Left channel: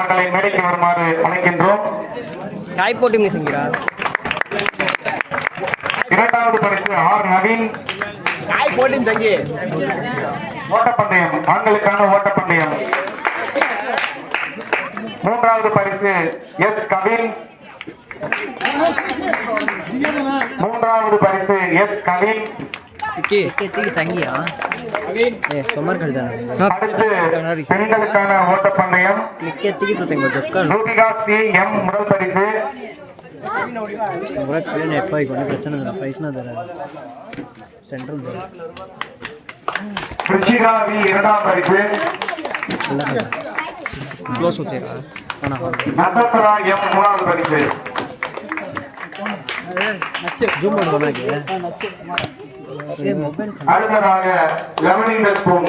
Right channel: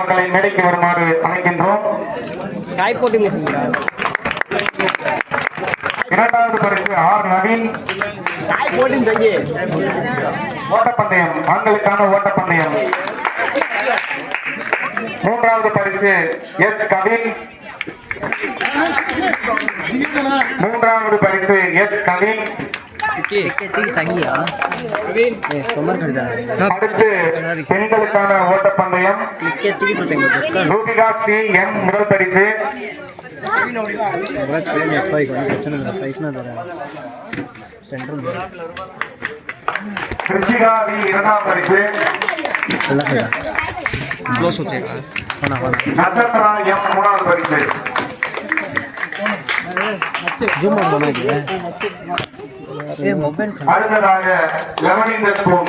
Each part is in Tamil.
அவர்களை மேடைக்கு வருமாறு அழைக்கின்றோம். இரண்டாவது பரிசு ஆர் நவீன். ஓட்டப்பந்தயம் ஆண்களுக்கான ஓட்டப்பந்தயம். மூன்றாவது பரிசு எஸ் கவின். மூன்றாவது பரிசு எஸ் கவின். சங்கியா? பெண்களுக்கான ஓட்டப்பந்தயம். ரூபிகா சி எம் முதல் பரிசு ரிஷிகா வி இரண்டாம் பரிசு. க்ளோஸ் வச்சுக்கா நட்சத்திரா எம் மூணாவது ஜூம் அடுத்ததாக லெமன் இந்த ஸ்பூன்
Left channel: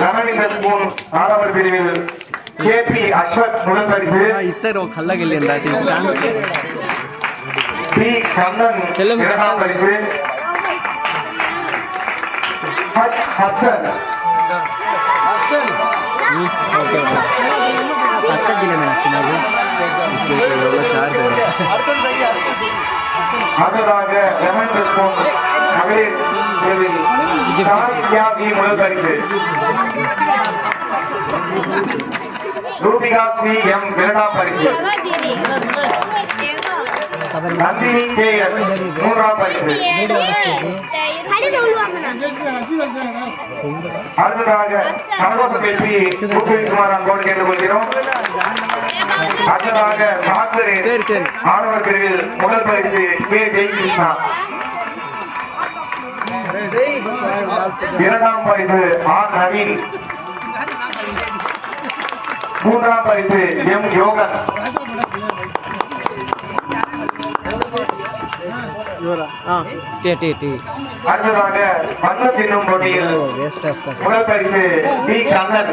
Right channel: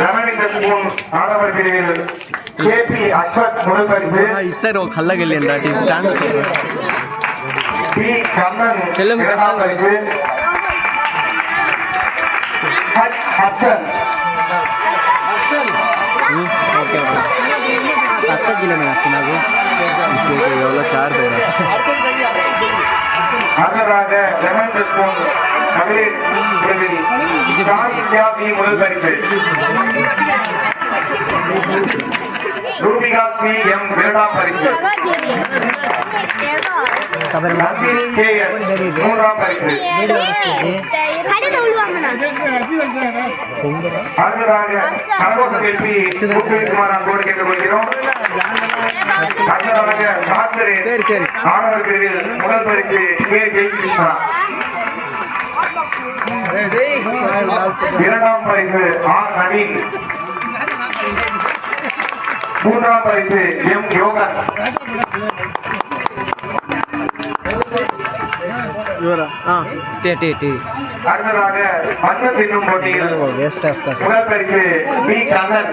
லெமன் இந்த ஸ்பூன் மாணவர் பிரிவில் கே பி அஸ்வத் முதல் பரிசு இத்தரோ கல்லகல் என்றாட்டி பி கண்ணன் செல்லும் பரிசு H Hasan Hasan okay okay சஸ்கா ஜில்ல में नाश्ते ना वो चार அடுத்ததாக லெமன் த ஸ்பூன் மகளிர் பிரிவில் காசியா வி முதல் பரிசு ரூபிகா சி எம் இரண்டாம் பரிசு நந்தினி கே எஸ் மூன்றாம் பரிசு அடுத்ததாக சந்தோஷ கேள்வி முத்துக்குமார் அங்கோடு கேட்டுக்கொள்கிறோம் அடுத்ததாக சாத்திரி ஆணவர் பிரிவில் முதல் பரிசு கே ஜெயகிருஷ்ணா. இரண்டாம் பரிசு ஆர். நவீன் மூன்றாம் பரிசு எம். யோகன். அடுத்ததாக வந்த பின்னும் போட்டியில் முதல் பரிசு பி. கண்ணன்.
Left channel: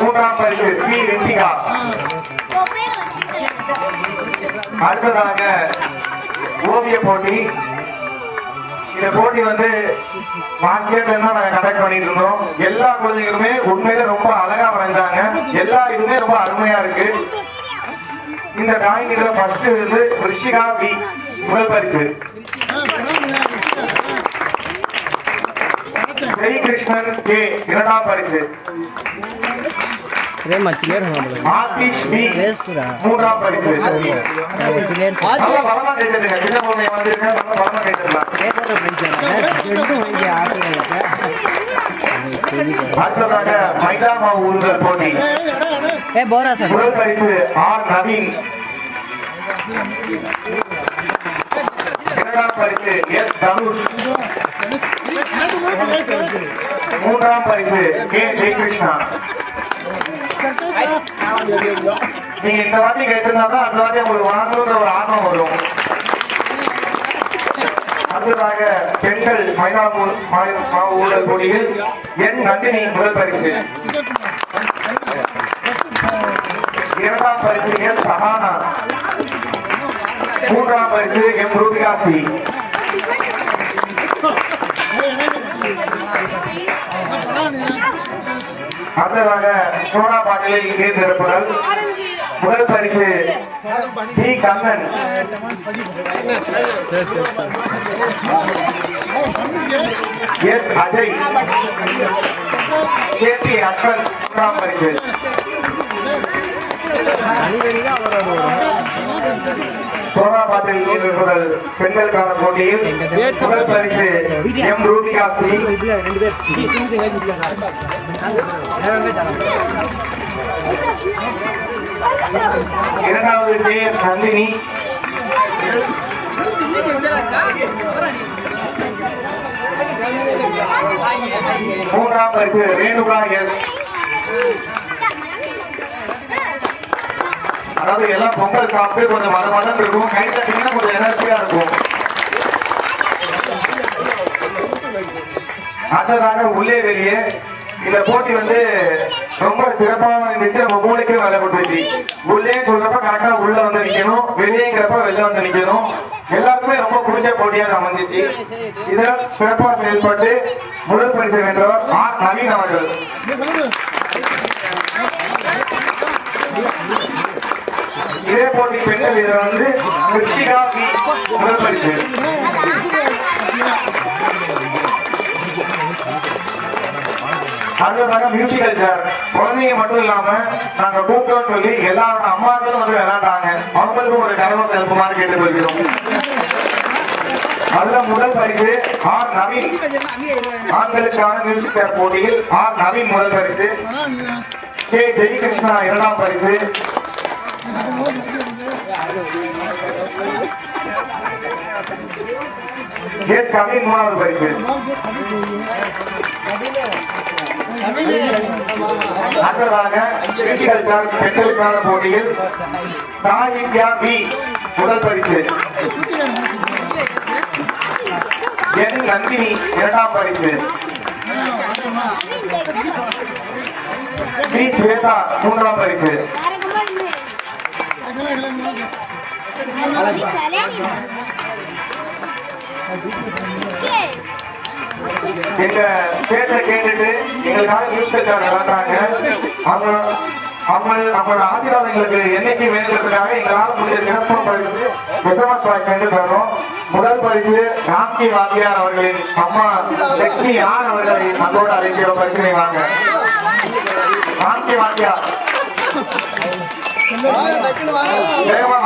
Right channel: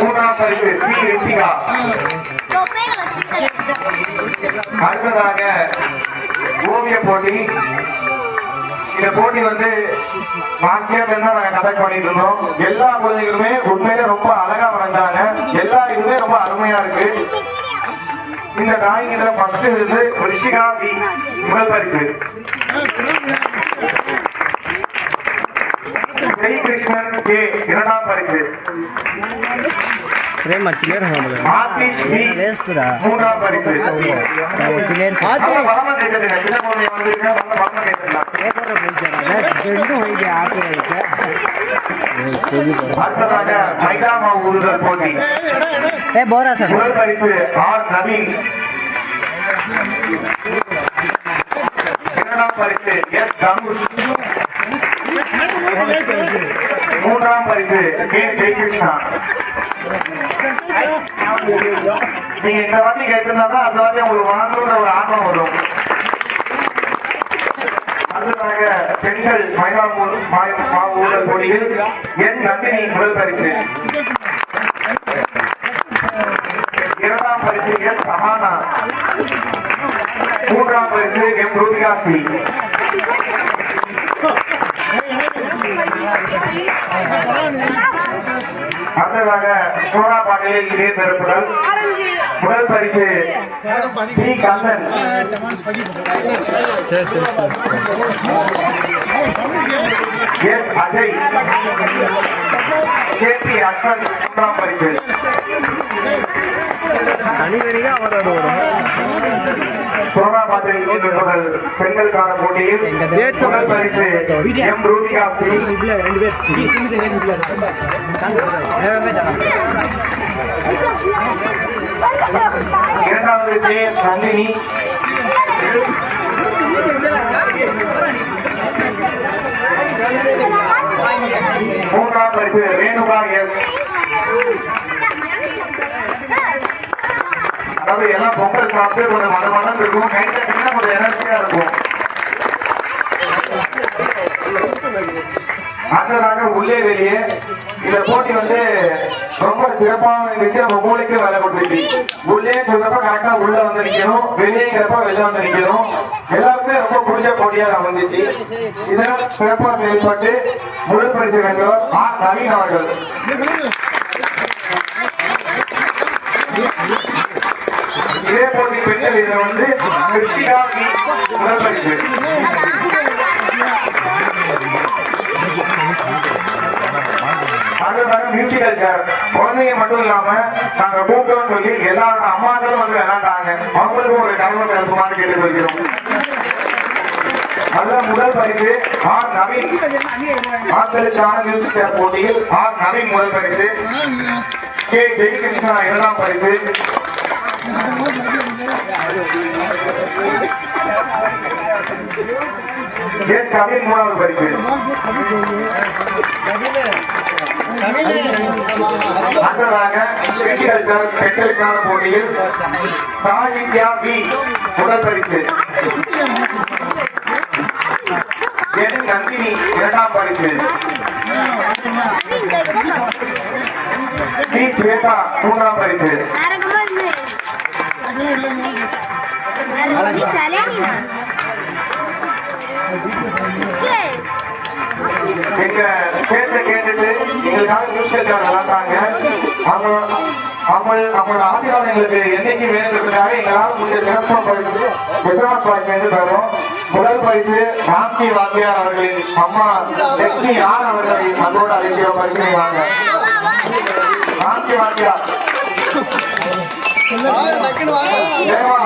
மூன்றாம் பரிசு பி ரித்திகா. அடுத்ததாக ஓவிய போட்டி. இந்த போட்டி வந்து மாஸ்டர் தான் நாங்க கண்டக்ட் பண்ணிட்டு எல்லா குழந்தைகளுமே உண்மையிலே ரொம்ப அழகா வளர்ந்தாங்க. எல்லா இதுமே ரொம்ப அருமையா இருக்கு. இந்த டிராயிங்ல ஃபர்ஸ்ட் வந்து ரிஷிகா பி முதல் பரிசு. ஸ்ரீகிருஷ்ணன் கே இரண்டாம் பரிசு अरे मैं क्लियर होगा बोला आतिश भी वेस्ट रहा पूरा परिचय तो क्लियर आज बलम कहते हैं जिन्हें बोलने वाले हैं बलम कहते हैं एक और बोल जा रहा है जेंडो हो गया आके रहता है भारत का फायदा माहौल रखोगी ए बोरा सर पूरा परिचय और नवीन இரண்டாம் பரிசு எஸ் தனுஷ் மூன்றாம் பரிசு கே. ஜெயகிருஷ்ணா. நீங்க இந்த வாட்டி கேட்டிருந்தாதான் அந்த வாட்டி உங்களுக்கு வாங்கணுன்ற ஒரு ஆர்வம் வரும். அடுத்ததாக பெண்கள் மைதா மாவட்ட போட்டியில் என் நந்தினி முதல் பரிசு. இரண்டாம் பரிசு என் சஹானா. மூன்றாம் பரிசு எம் ரூபிகா அடுத்ததாக சோனா பாட்டில் இதே திறப்புகள் முதல் பரிசு P Kannan. S. Ajay. K. P. அக்கன் மூன்றாம் பரிசு. பெண்களுக்கான போட்டியில் முதல் பரிசு எம் ரூபிகா ஸ்ரீ இரண்டாவது எஸ் நந்தினி. மூன்றாம் பரிசு ரேணுகா எஸ். அதாவது எல்லாம் பொங்கல் சாப்பிட்டு கொஞ்சம் மத மதம் இருக்கும் கையில் தட்டிங்கன்னா கொஞ்சம் எனர்ஜியா இருக்கும் அடுத்ததாக உள்ளே வெளியே. இந்த போட்டி வந்து ரொம்ப சிறப்பாக இருந்துச்சு நம்ம மூளைக்கு வேலை கொடுத்துருச்சு உள்ளே சொல்லப்ப கரெக்டா உள்ள வந்து நிக்கணும். வெளியேங்கிறப்ப வெளில வந்து நிக்கணும். எல்லாருக்குமே ரொம்ப பிடிச்ச போட்டியாக அமைஞ்சிச்சு. இதெல்லாம் சிறப்பாக செயல்பட்டு முதல் பரிசு வென்றவர் ஆர் நவீன் அவர்கள். இதே போட்டி பெண்கள் இதில் வந்து கிருத்திகா வி முதல் பரிசு அடுத்ததாக மியூசிக்கல் சேர் குழந்தைங்க மட்டும் இல்லாம நாங்க கூப்பிட்டோம் சொல்லி எல்லா அம்மாக்களும் வந்து விளையாண்டாங்க. அவங்களுக்கும் ஒரு கலவரம் இருக்குமாறு கேட்டுக்கொள்கிறோம். நல்ல முதல் பரிசு ஆர் நவீன். ஆண்களுக்கான மியூசிக் சேர் போட்டியில் ஆர் நவீன் முதல் பரிசு. கே ஜெயகிருஷ்ணா இரண்டாம் பரிசு. எஸ் கவின் மூணாவது பரிசு அடுத்ததாக கிரிட்டிக்கல் பெண்களுக்கான போட்டியில் சாகித்யா பி முதல் பரிசு என் நந்தினி இரண்டாம் பரிசு பி ஸ்வேதா மூன்றாம் பரிசு எங்க பேச்ச கேட்டுட்டு எங்களுக்காக நியூஸ்பேப்பர் வளர்த்தாங்க. அவங்க அவங்க அவங்களோட ஆசீர்வாதங்களுக்கு என்னைக்கு வேணுங்கிறதுக்காக எங்களால் முடிஞ்ச சிறப்பு பரிசு விஸ்வாஸ் பரிசு தரும். முதல் பரிசு ராம்கி வாத்தியார் அவர்களின் அம்மா லட்சுமி யார் அவர்களை அன்போடு அழைக்கிற பரிசு வாங்க ராம்கி வாத்தியார். வாங்க